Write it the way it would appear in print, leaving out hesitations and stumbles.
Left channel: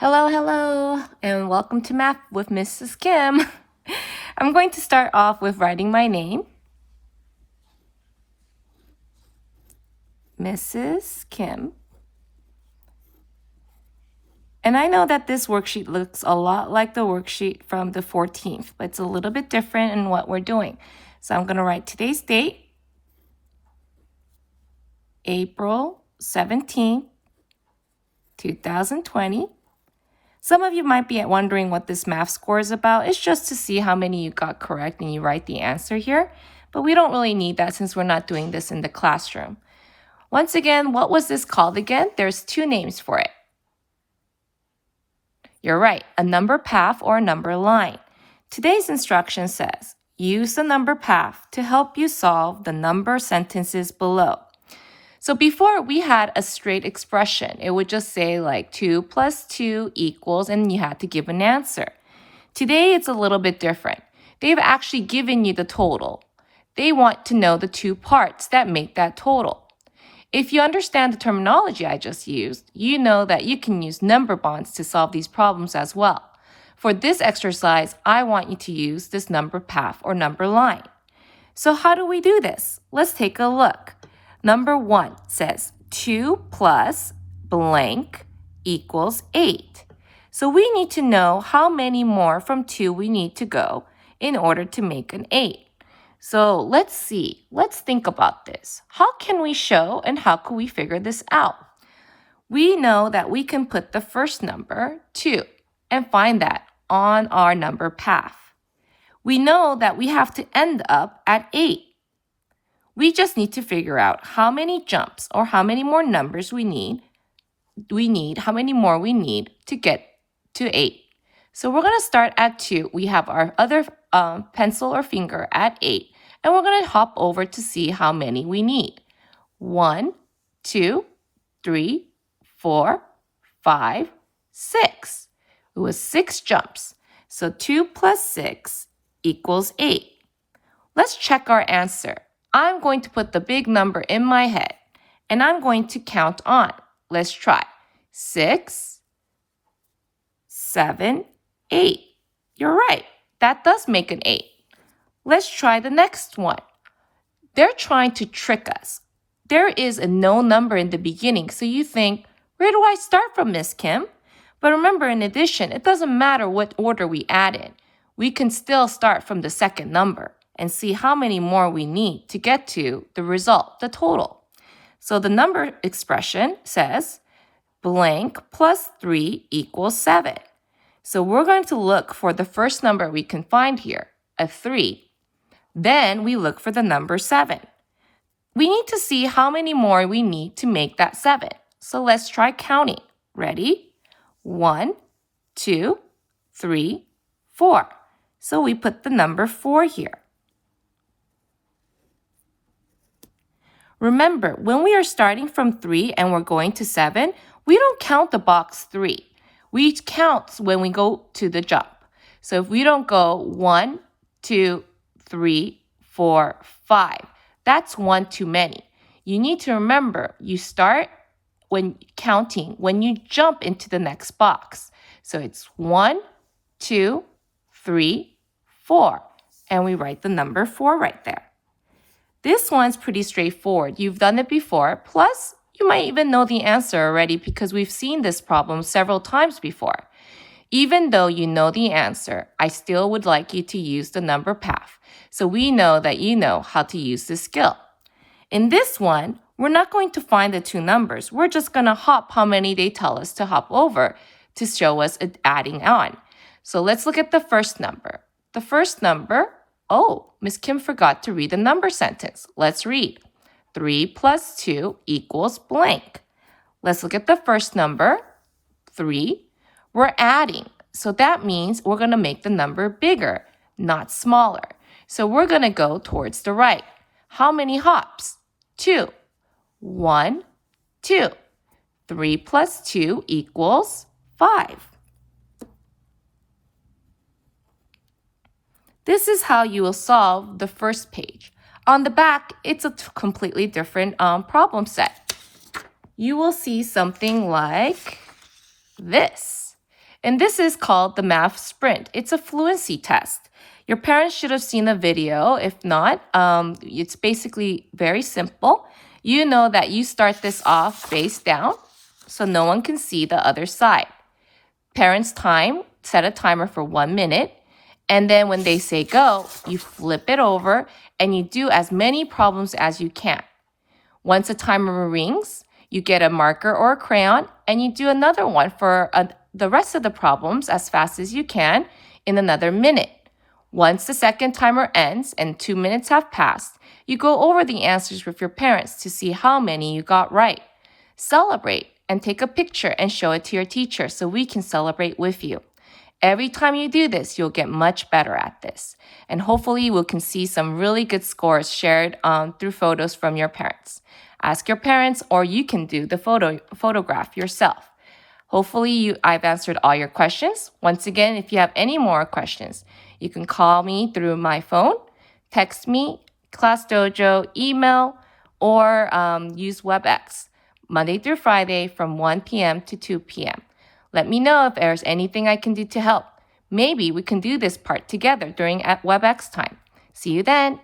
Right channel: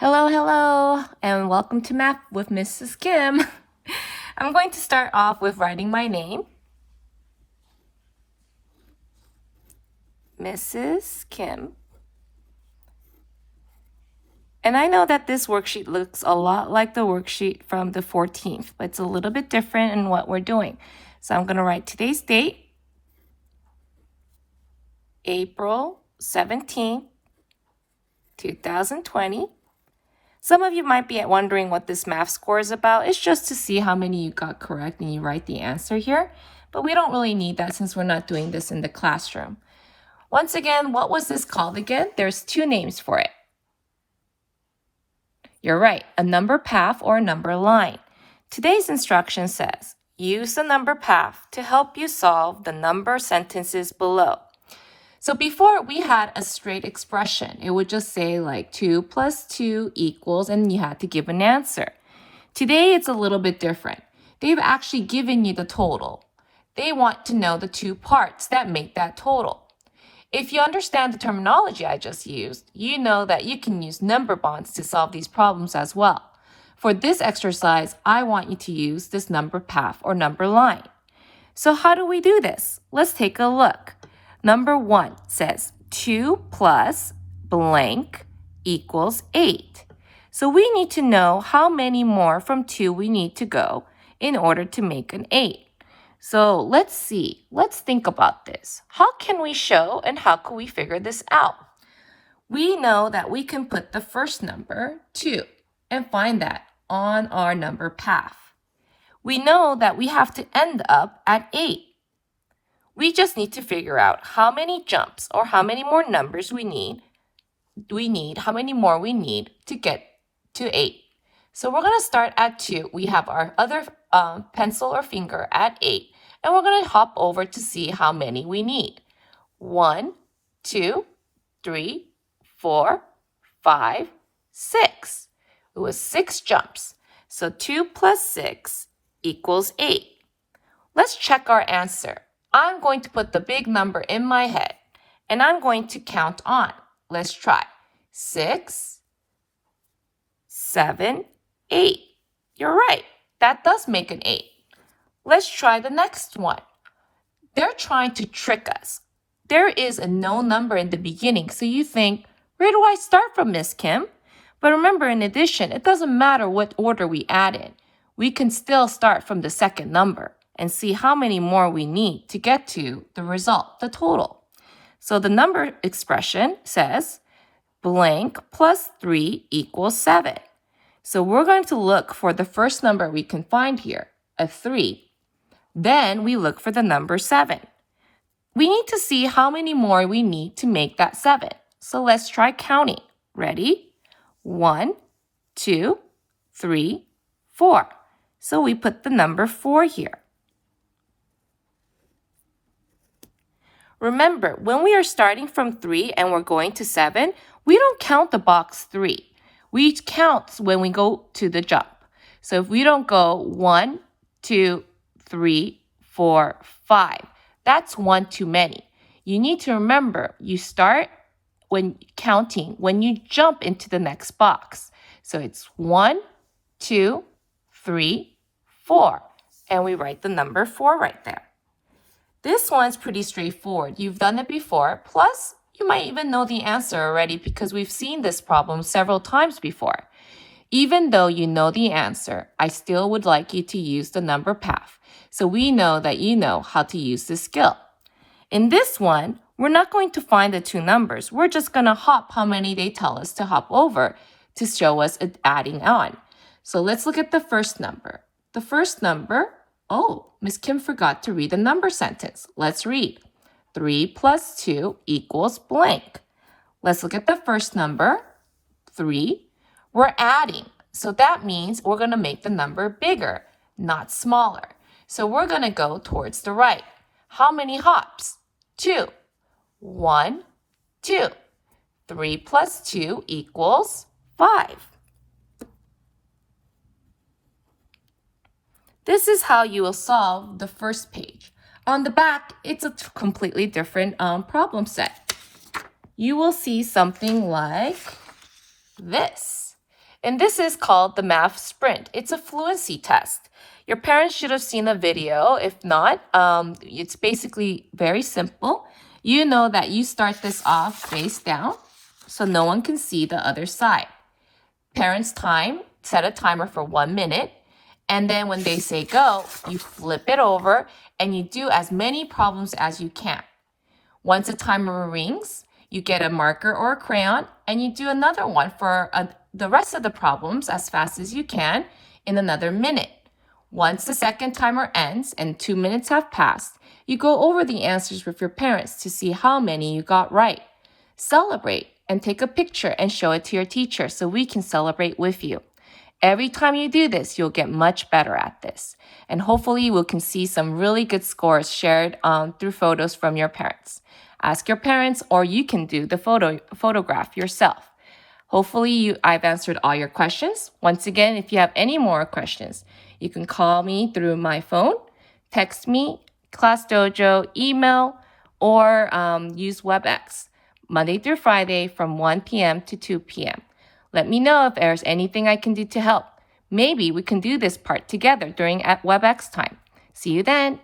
Hello, hello, and welcome to Math with Mrs. Kim. I'm going to start off with writing my name. Mrs. Kim. And I know that this worksheet looks a lot like the worksheet from the 14th, but it's a little bit different in what we're doing. So I'm going to write today's date, April 17th, 2020. Some of you might be wondering what this math score is about. It's just to see how many you got correct and you write the answer here. But we don't really need that since we're not doing this in the classroom. Once again, what was this called again? There's two names for it. You're right, a number path or a number line. Today's instruction says, use the number path to help you solve the number sentences below. So before we had a straight expression. It would just say like 2 plus 2 equals, and you had to give an answer. Today, it's a little bit different. They've actually given you the total. They want to know the two parts that make that total. If you understand the terminology I just used, you know that you can use number bonds to solve these problems as well. For this exercise, I want you to use this number path or number line. So how do we do this? Let's take a look. Number 1 says 2 plus blank equals 8. So we need to know how many more from 2 we need to go in order to make an 8. So let's see. Let's think about this. How can we show and how can we figure this out? We know that we can put the first number, 2, and find that on our number path. We know that we have to end up at 8. We just need to figure out how many jumps or how many more numbers how many more we need to get to 8. So we're going to start at 2. We have our other pencil or finger at 8. And we're going to hop over to see how many we need. 1, 2, 3, 4, 5, 6. It was 6 jumps. So 2 plus 6 equals 8. Let's check our answer. I'm going to put the big number in my head, and I'm going to count on. Let's try. 6, 7, 8. You're right. That does make an 8. Let's try the next one. They're trying to trick us. There is a no number in the beginning, so you think, where do I start from, Miss Kim? But remember, in addition, it doesn't matter what order we add in. We can still start from the second number and see how many more we need to get to the result, the total. So the number expression says blank plus 3 equals 7. So we're going to look for the first number we can find here, a 3. Then we look for the number 7. We need to see how many more we need to make that 7. So let's try counting. Ready? 1, 2, 3, 4. So we put the number 4 here. Remember, when we are starting from 3 and we're going to 7, we don't count the box 3. We count when we go to the jump. So if we don't go 1, 2, 3, 4, 5, that's 1 too many. You need to remember, you start when counting when you jump into the next box. So it's 1, 2, 3, 4. And we write the number 4 right there. This one's pretty straightforward. You've done it before. Plus, you might even know the answer already because we've seen this problem several times before. Even though you know the answer, I still would like you to use the number path so we know that you know how to use this skill. In this one, we're not going to find the two numbers. We're just going to hop how many they tell us to hop over to show us adding on. So let's look at the first number. The first number, Miss Kim forgot to read the number sentence. Let's read. 3 plus 2 equals blank. Let's look at the first number, 3. We're adding. So that means we're going to make the number bigger, not smaller. So we're going to go towards the right. How many hops? 2. 1, 2. 3 plus 2 equals 5. This is how you will solve the first page. On the back, it's a completely different problem set. You will see something like this. And this is called the math sprint. It's a fluency test. Your parents should have seen a video. If not, it's basically very simple. You know that you start this off face down so no one can see the other side. Parents time, set a timer for 1 minute. And then when they say go, you flip it over and you do as many problems as you can. Once a timer rings, you get a marker or a crayon and you do another one for the rest of the problems as fast as you can in another minute. Once the second timer ends and 2 minutes have passed, you go over the answers with your parents to see how many you got right. Celebrate and take a picture and show it to your teacher so we can celebrate with you. Every time you do this, you'll get much better at this. And hopefully we can see some really good scores shared through photos from your parents. Ask your parents or you can do the photograph yourself. Hopefully I've answered all your questions. Once again, if you have any more questions, you can call me through my phone, text me, Class Dojo, email, or use WebEx, Monday through Friday from 1 p.m. to 2 p.m. Let me know if there's anything I can do to help. Maybe we can do this part together during WebEx time. See you then.